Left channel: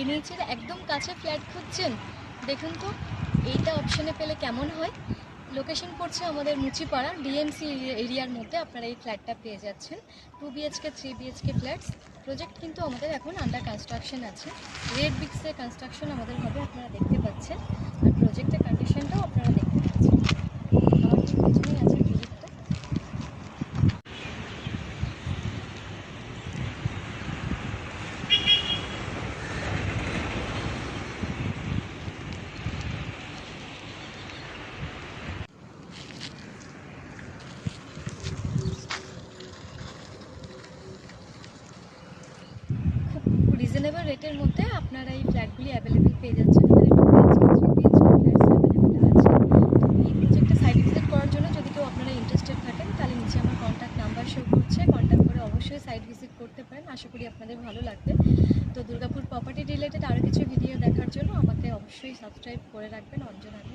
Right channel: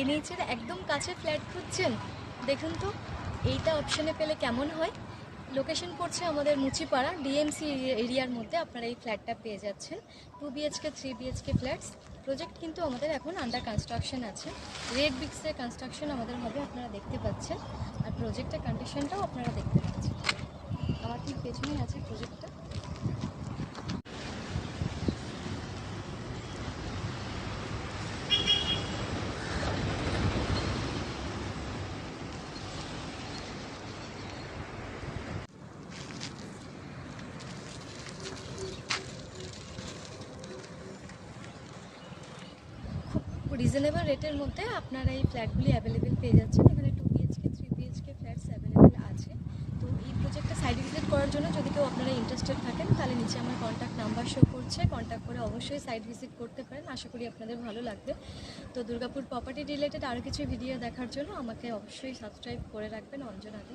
এনএইচের একদম কাছে ফ্ল্যাট খুঁজছেন। দেখুন তো, এইটা অপশানে পেলে কেমন হয়? লোকেশন পড়ছে আমাদের মুচিপাড়া ডিএমসি এরিয়ার মধ্যে আপনারা এই ফ্ল্যাটটা পেয়ে যাচ্ছেন। Two BHK three BHK flats project কিন্তু আমাদের এখন আন্ডার কনস্ট্রাকশন আছে। রেড বিক্সের কনস্ট্রাকশন আমাদের হবে, আপনারা দেখতে পাচ্ছেন। আর প্রজেক্টের কন্ডিশনটাও আপনারা দেখতে পাচ্ছেন। রিজনেবল রেটের মধ্যে আপনারা এই ফ্ল্যাটগুলি অ্যাভেলেবেল পেয়ে যাচ্ছেন। এখানে টু অ্যাভেলেবেল আছে। এই প্রজেক্টটা সাইট ভিজিট করার জন্য যদি কেউ আপনারা ইন্টারেস্টেড থাকেন, তাহলে নিচে আমার কন্ট্যাক্ট নাম্বার শো করছে। কন্ট্যাক্ট করে অবশ্যই সাইট ভিজিট করতে পারেন। আশা করি আপনাদের ভালো লাগবে। তো দুর্গাপুর প্রপার্টি রিলেটেড আরও কিছু ভিডিও দেখার জন্য আমাকে অবশ্যই সাবস্ক্রাইব করে রাখবেন। অঞ্জন আগে